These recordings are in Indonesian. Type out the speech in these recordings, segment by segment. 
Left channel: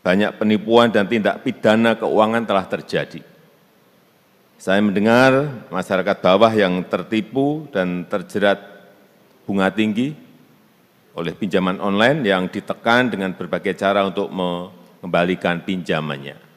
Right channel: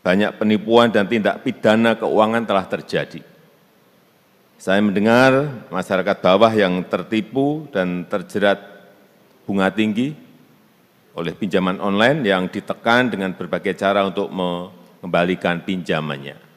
banyak penipuan dan tindak pidana keuangan telah terjadi. Saya mendengar masyarakat bawah yang tertipu dan terjerat bunga tinggi oleh pinjaman online yang ditekan dengan berbagai cara untuk mengembalikan pinjamannya.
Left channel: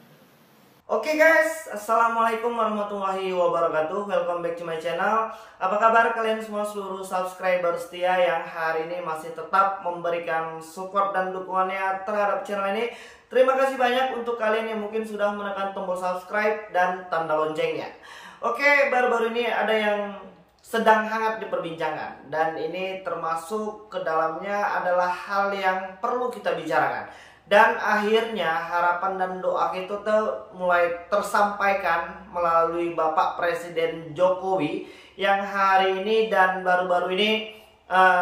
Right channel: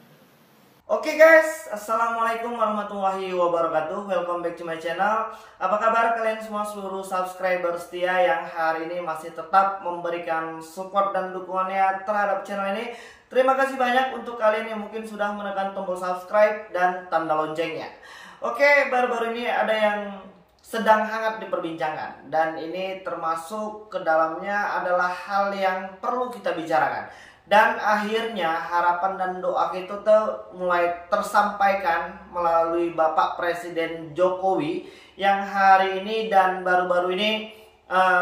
Oke guys, Assalamualaikum warahmatullahi wabarakatuh. Welcome back to my channel. Apa kabar kalian semua seluruh subscriber setia yang hari ini masih tetap memberikan support dan dukungannya terhadap channel ini. Terima kasih banyak untuk kalian yang mungkin sudah menekan tombol subscribe dan tanda loncengnya. Oke, baru-baru ini ada yang sedang hangat diperbincangkan, dan ini termasuk ke dalamnya adalah hal yang perlu kita bicarakan. Dan akhirnya harapan dan doa kita tuh mulai tersampaikan melalui Bapak Presiden Jokowi yang hari ini dan baru-baru ini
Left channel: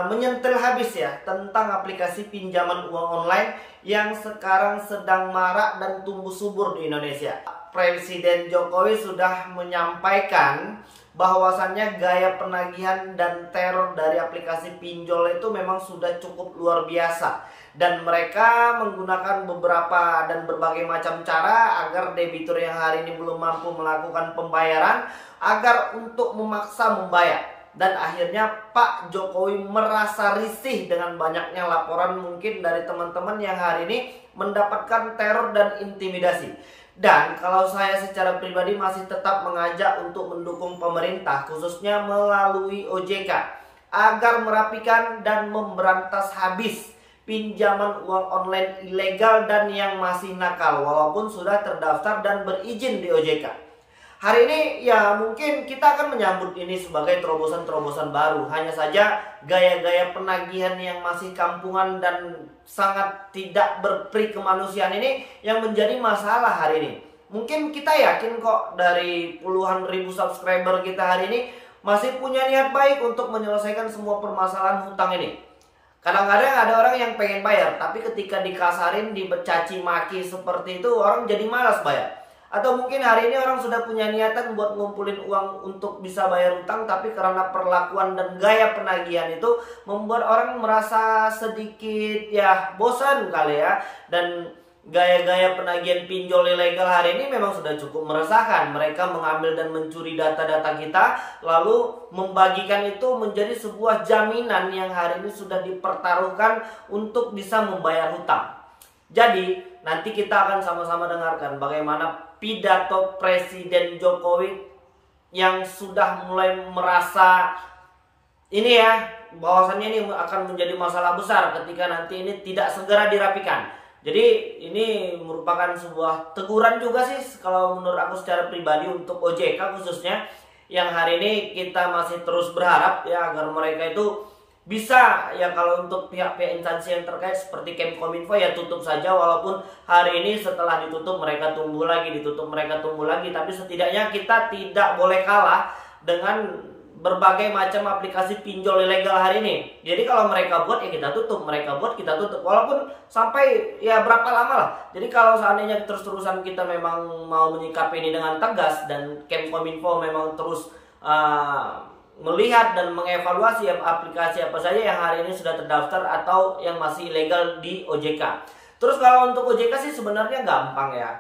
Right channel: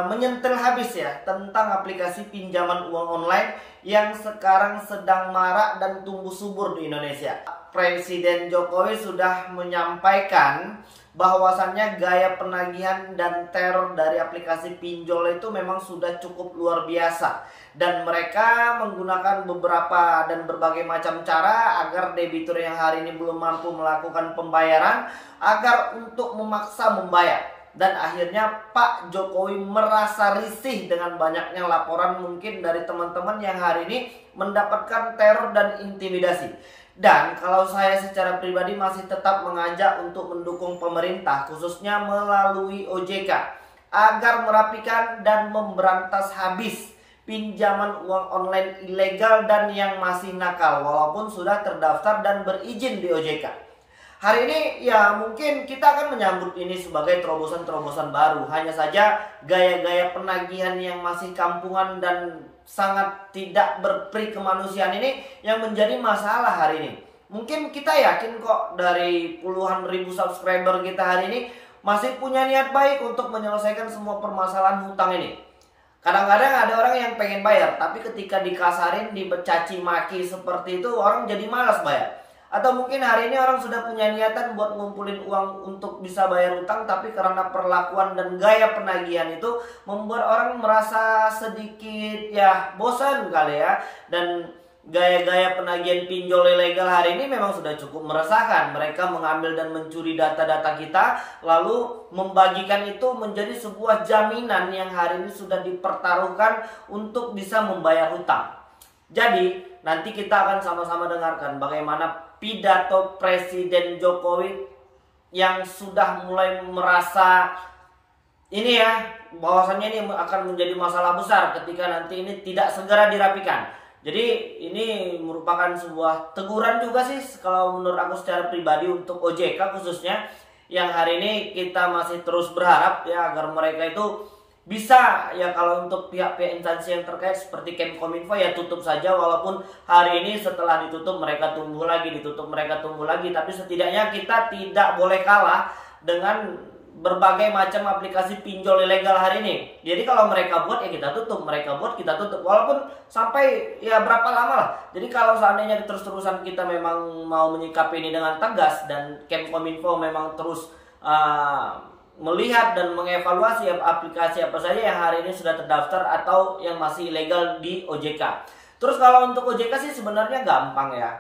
menyentil habis ya tentang aplikasi pinjaman uang online yang sekarang sedang marak dan tumbuh subur di Indonesia. Presiden Jokowi sudah menyampaikan bahwasannya gaya penagihan dan teror dari aplikasi pinjol itu memang sudah cukup luar biasa, dan mereka menggunakan beberapa dan berbagai macam cara agar debitur yang hari ini belum mampu melakukan pembayaran agar untuk memaksa membayar. Dan akhirnya Pak Jokowi merasa risih dengan banyaknya laporan mungkin dari teman-teman yang hari ini mendapatkan teror dan intimidasi. Dan kalau saya secara pribadi masih tetap mengajak untuk mendukung pemerintah, khususnya melalui OJK, agar merapikan dan memberantas habis pinjaman uang online ilegal dan yang masih nakal walaupun sudah terdaftar dan berizin di OJK. Hari ini ya mungkin kita akan menyambut ini sebagai terobosan-terobosan baru. Hanya saja gaya-gaya penagihan yang masih kampungan dan sangat tidak berperi kemanusiaan ini yang menjadi masalah hari ini. Mungkin kita yakin kok dari puluhan ribu subscriber kita hari ini masih punya niat baik untuk menyelesaikan semua permasalahan hutang ini. Kadang-kadang ada orang yang pengen bayar, tapi ketika dikasarin, dicaci maki seperti itu, orang jadi malas bayar. Atau mungkin hari ini orang sudah punya niatan buat ngumpulin uang untuk bisa bayar utang, tapi karena perlakuan dan gaya penagihan itu membuat orang merasa sedikit ya bosan kali ya. Dan gaya-gaya penagihan pinjol ilegal hari ini memang sudah cukup meresahkan. Mereka mengambil dan mencuri data-data kita, lalu membagikan itu menjadi sebuah jaminan yang hari ini sudah dipertaruhkan untuk bisa membayar hutang. Jadi nanti kita akan sama-sama dengarkan bagaimana pidato Presiden Jokowi yang sudah mulai merasa ini ya, bahwasannya ini akan menjadi masalah besar ketika nanti ini tidak segera dirapikan. Jadi ini merupakan sebuah teguran juga sih kalau menurut aku secara pribadi untuk OJK khususnya, yang hari ini kita masih terus berharap ya agar mereka itu bisa ya, kalau untuk pihak-pihak instansi yang terkait seperti Kemkominfo ya tutup saja, walaupun hari ini setelah ditutup mereka tumbuh lagi, ditutup mereka tumbuh lagi, tapi setidaknya kita tidak boleh kalah dengan berbagai macam aplikasi pinjol ilegal hari ini. Jadi kalau mereka buat ya kita tutup, mereka buat kita tutup, walaupun sampai ya berapa lama lah. Jadi kalau seandainya terus-terusan kita memang mau menyikapi ini dengan tegas dan Kemkominfo memang terus melihat dan mengevaluasi aplikasi apa saja yang hari ini sudah terdaftar atau yang masih ilegal di OJK. Terus kalau untuk OJK sih sebenarnya gampang ya.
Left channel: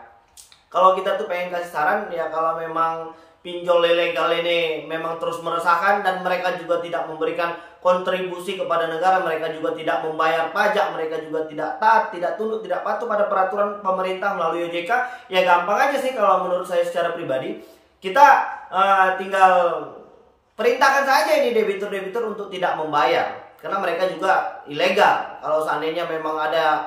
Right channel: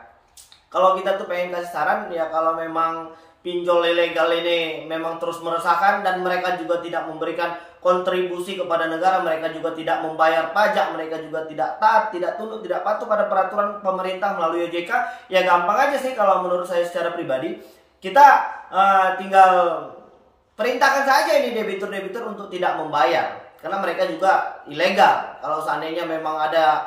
Kalau kita tuh pengen kasih saran ya, kalau memang pinjol ilegal ini memang terus meresahkan dan mereka juga tidak memberikan kontribusi kepada negara, mereka juga tidak membayar pajak, mereka juga tidak taat, tidak tunduk, tidak patuh pada peraturan pemerintah melalui OJK, ya gampang aja sih kalau menurut saya secara pribadi. Kita tinggal perintahkan saja ini debitur-debitur untuk tidak membayar, karena mereka juga ilegal. Kalau seandainya memang ada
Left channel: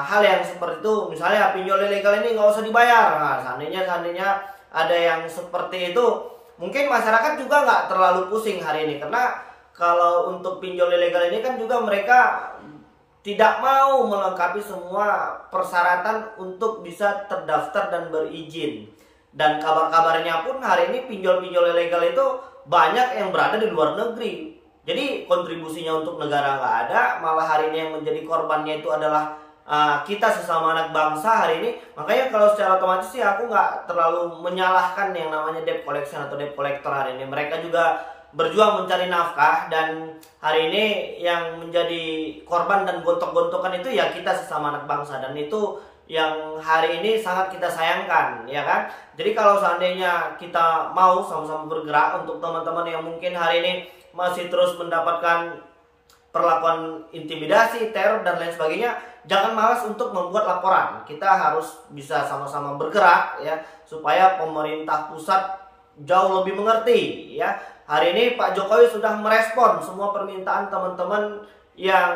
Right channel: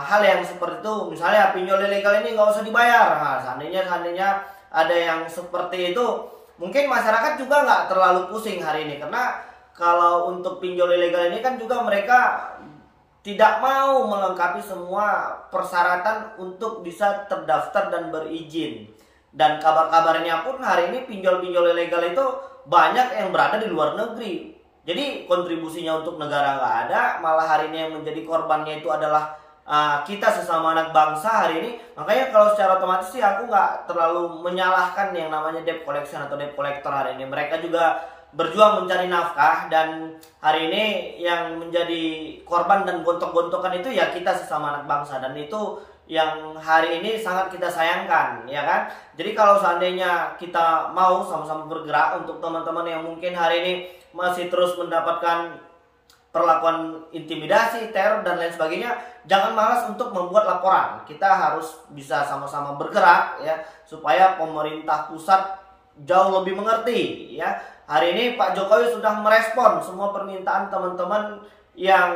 hal yang seperti itu, misalnya pinjol ilegal ini nggak usah dibayar. Nah, seandainya ada yang seperti itu, mungkin masyarakat juga nggak terlalu pusing hari ini, karena kalau untuk pinjol ilegal ini kan juga mereka tidak mau melengkapi semua persyaratan untuk bisa terdaftar dan berizin. Dan kabar-kabarnya pun hari ini pinjol-pinjol ilegal itu banyak yang berada di luar negeri. Jadi kontribusinya untuk negara nggak ada, malah hari ini yang menjadi korbannya itu adalah kita sesama anak bangsa hari ini. Makanya kalau secara otomatis sih aku nggak terlalu menyalahkan yang namanya debt collection atau debt collector hari ini. Mereka juga berjuang mencari nafkah, dan hari ini yang menjadi korban dan gontok-gontokan itu ya kita sesama anak bangsa, dan itu yang hari ini sangat kita sayangkan, ya kan? Jadi kalau seandainya kita mau sama-sama bergerak, untuk teman-teman yang mungkin hari ini masih terus mendapatkan perlakuan intimidasi, teror dan lain sebagainya, jangan malas untuk membuat laporan. Kita harus bisa sama-sama bergerak ya, supaya pemerintah pusat jauh lebih mengerti ya. Hari ini Pak Jokowi sudah merespon semua permintaan teman-teman yang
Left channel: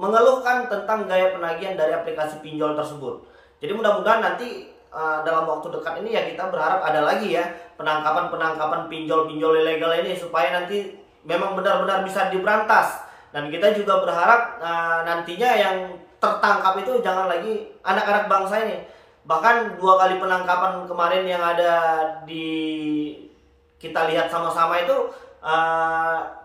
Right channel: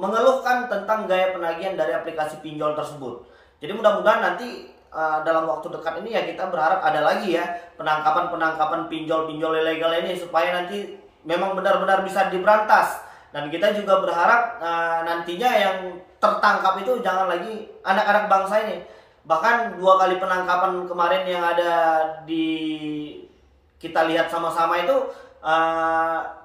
mengeluhkan tentang gaya penagihan dari aplikasi pinjol tersebut. Jadi mudah-mudahan nanti dalam waktu dekat ini ya, kita berharap ada lagi ya penangkapan pinjol-pinjol ilegal ini, supaya nanti memang benar-benar bisa diberantas. Dan kita juga berharap nantinya yang tertangkap itu jangan lagi anak-anak bangsa ini. Bahkan 2 kali penangkapan kemarin yang ada di kita lihat sama-sama itu,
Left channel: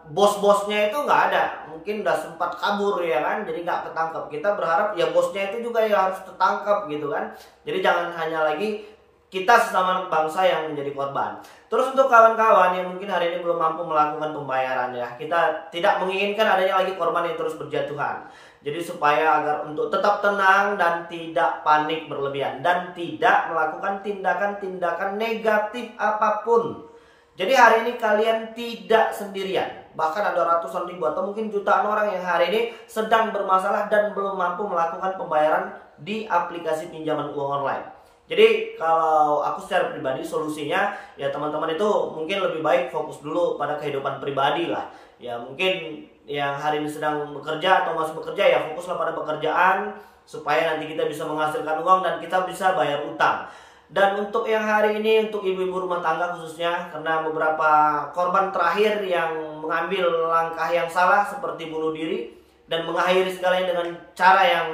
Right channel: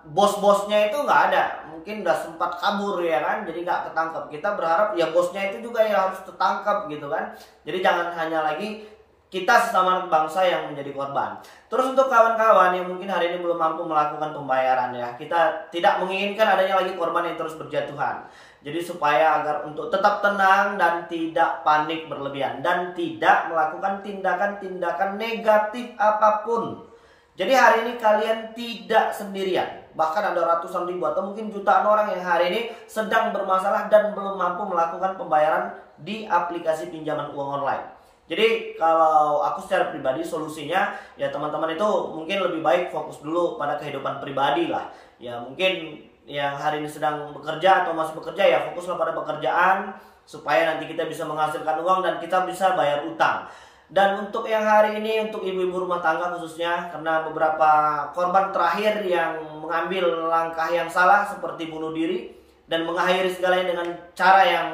bos-bosnya itu nggak ada. Mungkin udah sempat kabur ya kan, jadi nggak ketangkap. Kita berharap ya bosnya itu juga yang harus tertangkap gitu kan. Jadi jangan hanya lagi kita sesama anak bangsa yang menjadi korban. Terus untuk kawan-kawan yang mungkin hari ini belum mampu melakukan pembayaran ya, kita tidak menginginkan adanya lagi korban yang terus berjatuhan. Jadi supaya agar untuk tetap tenang dan tidak panik berlebihan dan tidak melakukan tindakan-tindakan negatif apapun. Jadi hari ini kalian tidak sendirian. Bahkan ada ratusan ribu atau mungkin jutaan orang yang hari ini sedang bermasalah dan belum mampu melakukan pembayaran di aplikasi pinjaman uang online. Jadi kalau aku secara pribadi solusinya ya, teman-teman itu mungkin lebih baik fokus dulu pada kehidupan pribadi lah. Ya mungkin yang hari ini sedang bekerja atau masih bekerja ya, fokuslah pada pekerjaan supaya nanti kita bisa menghasilkan uang dan kita bisa bayar utang. Dan untuk yang hari ini, untuk ibu-ibu rumah tangga khususnya, karena beberapa korban terakhir yang mengambil langkah yang salah seperti bunuh diri dan mengakhiri segalanya dengan cara yang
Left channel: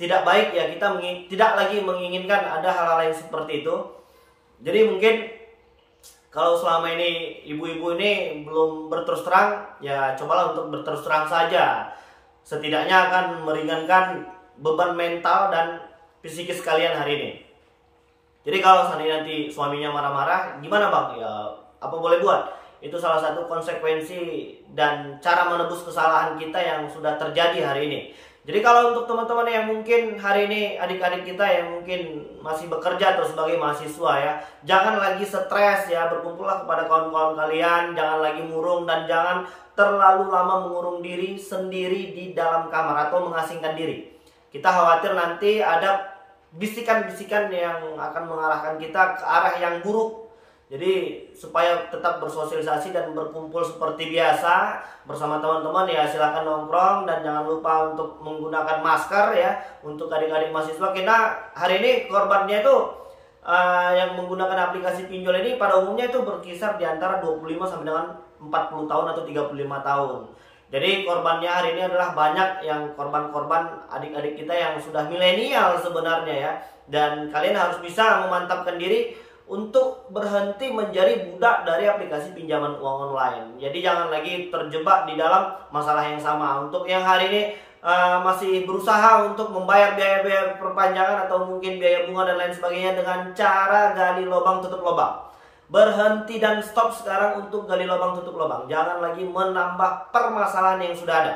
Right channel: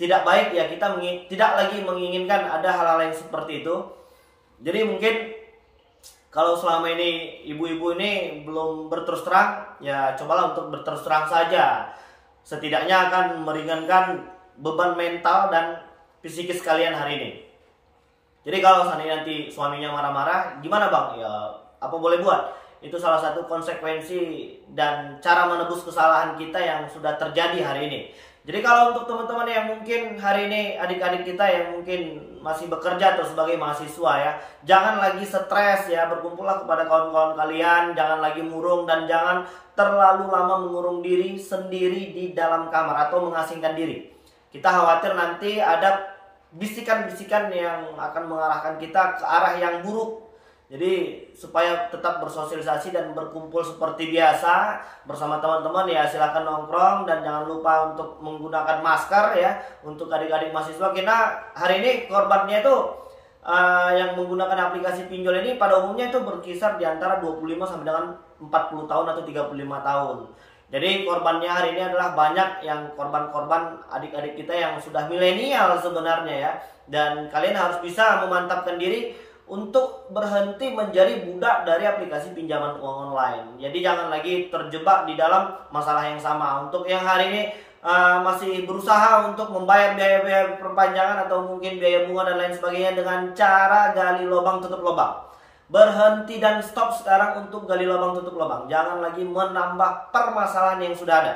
tidak baik ya, kita tidak lagi menginginkan ada hal-hal yang seperti itu. Jadi mungkin kalau selama ini ibu-ibu ini belum berterus terang, ya cobalah untuk berterus terang saja. Setidaknya akan meringankan beban mental dan psikis kalian hari ini. Jadi kalau seandainya nanti suaminya marah-marah, gimana bang? Ya apa boleh buat? Itu salah satu konsekuensi dan cara menebus kesalahan kita yang sudah terjadi hari ini. Jadi kalau untuk teman-teman yang mungkin hari ini, adik-adik kita yang mungkin masih bekerja atau sebagai mahasiswa ya, jangan lagi stres ya, berkumpullah kepada kawan-kawan kalian, jangan lagi murung dan jangan terlalu lama mengurung diri sendiri di dalam kamar atau mengasingkan diri. Kita khawatir nanti ada bisikan-bisikan yang akan mengarahkan kita ke arah yang buruk. Jadi supaya tetap bersosialisasi dan berkumpul seperti biasa bersama teman-teman ya, silahkan nongkrong dan jangan lupa untuk menggunakan masker ya untuk adik-adik mahasiswa. Karena hari ini korbannya itu yang menggunakan aplikasi pinjol ini pada umumnya itu berkisar di antara 25 sampai dengan 40 tahun atau 35 tahun. Jadi korbannya hari ini adalah banyak yang korban-korban adik-adik kita yang sudah milenial sebenarnya ya. Dan kalian harus bisa memantapkan diri untuk berhenti menjadi budak dari aplikasi pinjaman uang online. Jadi jangan lagi terjebak di dalam masalah yang sama. Untuk yang hari ini masih berusaha untuk membayar biaya-biaya perpanjangan atau mungkin biaya bunga dan lain sebagainya dengan cara gali lubang tutup lubang. Berhenti dan stop sekarang untuk gali lubang tutup lubang. Jangan lagi menambah permasalahan yang sudah ada.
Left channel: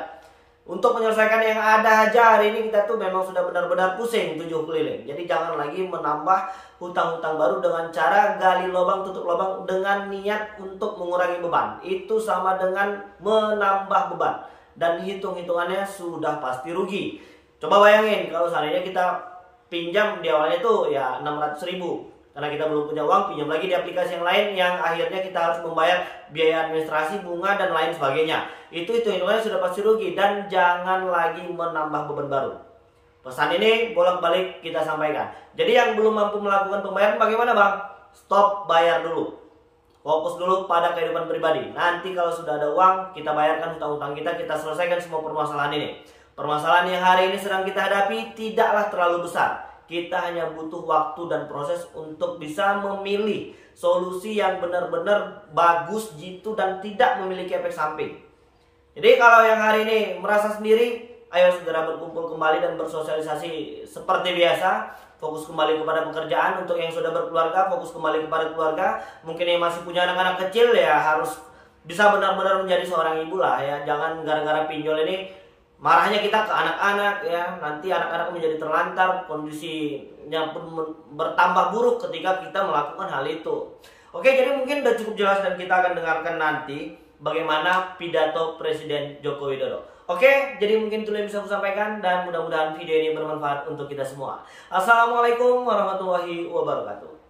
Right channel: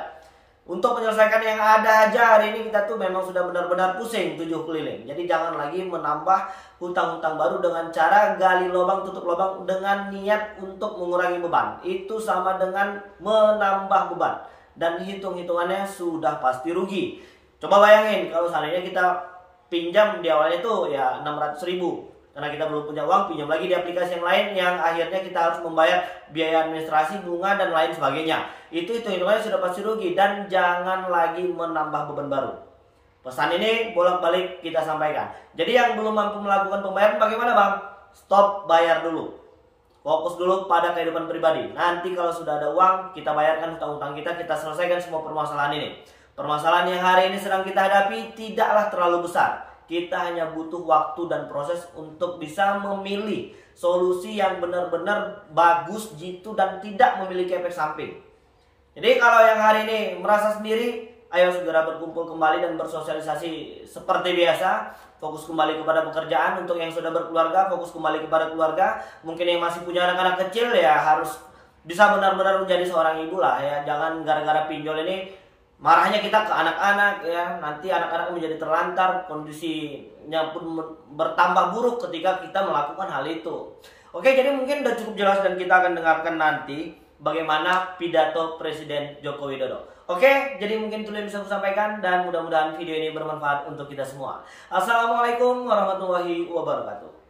Untuk menyelesaikan yang ada aja hari ini kita tuh memang sudah benar-benar pusing 7 keliling. Jadi jangan lagi menambah hutang-hutang baru dengan cara gali lubang tutup lubang dengan niat untuk mengurangi beban. Itu sama dengan menambah beban dan hitung-hitungannya sudah pasti rugi. Coba bayangin kalau seandainya kita pinjam di awalnya itu ya 600.000. Karena kita belum punya uang, pinjam lagi di aplikasi yang lain yang akhirnya kita harus membayar biaya administrasi, bunga dan lain sebagainya. Itu hitung-hitungannya sudah pasti rugi dan jangan lagi menambah beban baru. Pesan ini bolak-balik kita sampaikan. Jadi yang belum mampu melakukan pembayaran bagaimana bang? Stop bayar dulu. Fokus dulu pada kehidupan pribadi. Nanti kalau sudah ada uang, kita bayarkan hutang-hutang kita selesaikan semua permasalahan ini. Permasalahan yang hari ini sedang kita hadapi tidaklah terlalu besar. Kita hanya butuh waktu dan proses untuk bisa memilih solusi yang benar-benar bagus, jitu dan tidak memiliki efek samping. Jadi kalau yang hari ini merasa sendiri, ayo segera berkumpul kembali dan bersosialisasi seperti biasa. Fokus kembali kepada pekerjaan. Untuk yang sudah berkeluarga, fokus kembali kepada keluarga. Mungkin yang masih punya anak-anak kecil ya harus bisa benar-benar menjadi seorang ibu lah ya. Jangan gara-gara pinjol ini marahnya kita ke anak-anak ya, nanti anak-anak menjadi terlantar, kondisinya pun bertambah buruk ketika kita melakukan hal itu. Oke, jadi mungkin udah cukup jelas dan kita akan dengarkan nanti bagaimana pidato Presiden Joko Widodo. Oke, jadi mungkin itu yang bisa aku sampaikan dan mudah-mudahan video ini bermanfaat untuk kita semua. Assalamualaikum warahmatullahi wabarakatuh.